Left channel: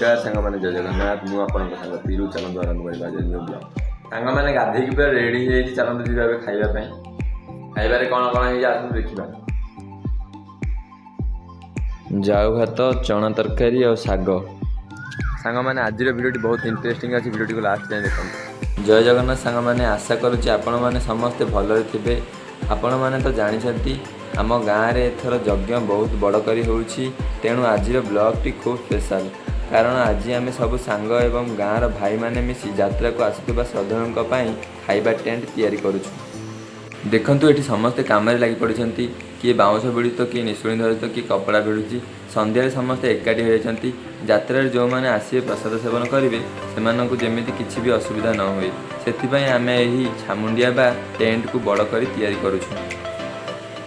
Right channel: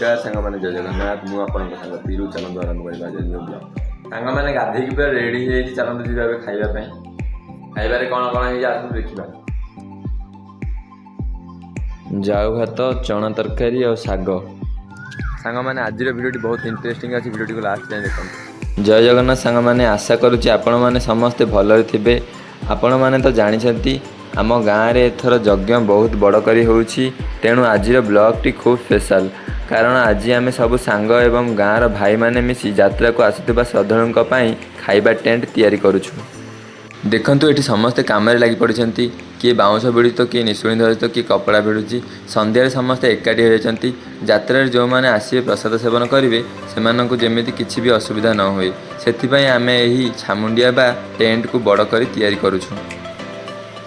नमस्कार सांग मैंने जय जगन्नाथ मु आपन सांग तीरू चलत आरंभ करबा जे न्यू ब्लॉग सांग मैंने गाधे की पूरा रेडी हे चलत जीवा खाइबा पई खाइबारे कोन कोन हे आसु देखिबा जाऊ भात चना तरकारी और साग सांग मैंने आज भिडियो बहुत इंटरेस्टिंग अच्छी भिडियो को लास्ट जाए देखो जय जगन्नाथ सांग मैंने आशा करुच्ची आपण मैंने समस्ते भल थे आपण मैंने तो जानी आम गाँव में एथर यज्ञ बहुत बड़ करी होउछि तेणु आज ब्लॉग टी खूब स्पेशल कारण आज आम सब सांग एवं गाँव भाई माने मिसी यात्रा को आसुवा श्रद्धालुओं खाइबा टेंट तैयारी करुछु देखंतु एठी समस्ते काम लगी पड़ते किए बाउंश भिड़ी तो किए निशुणी धरी तो किए कपड़ा भिड़ुची संध्यारे समस्ते एकाठी होती यात्रा जो मैंने आसवे प्रसाद सेवन करेंगे से जमी किसी भी असुविधा न हुए से आम यही छामुंडिया बा टेंट को बड़ कर तैयारी करुछु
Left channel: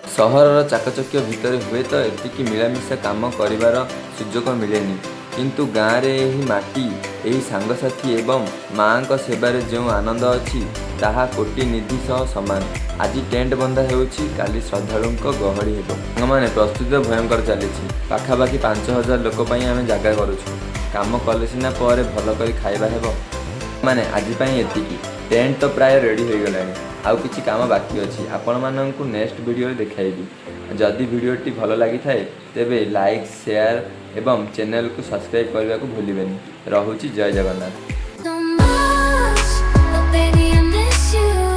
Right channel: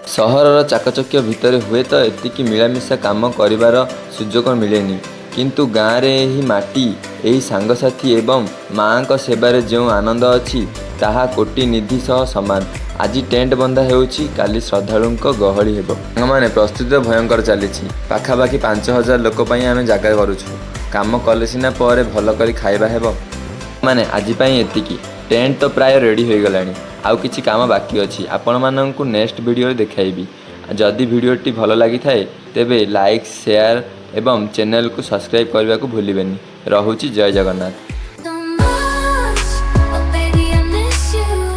सहरर चाकचक्य भितर हुए तो एतिकी मिलामिशा काम करिवार सुजोग मिलेनी किंतु गाँव में यही माटी यही सांगसाथी एवं माँ का सेवारे जो आनंद अच्छी ताहा कोटि निधि सह सामान आज टेंट बंधा होउछि काली श्रद्धालुओं गहली हेबो माने प्रस्तुति भयंकर चली पाखापाखि 5000 लोक पई आमे जागा करूछु काम कले सिना पर भल करी खाइबा हेबो माने आज पई एतिकी टेंट तो प्राय रेडी हो गलानी आउ किछि काम बाकी अछि आपण माननकु नेक्स्ट वीडियो देखाइबी जदि वीडियोटी भल लगी थाए तेबे लाइक शेयर एवं चैनल को सब्सक्राइब करने को भूलिबेनी रहुछि जय जगन्नाथ।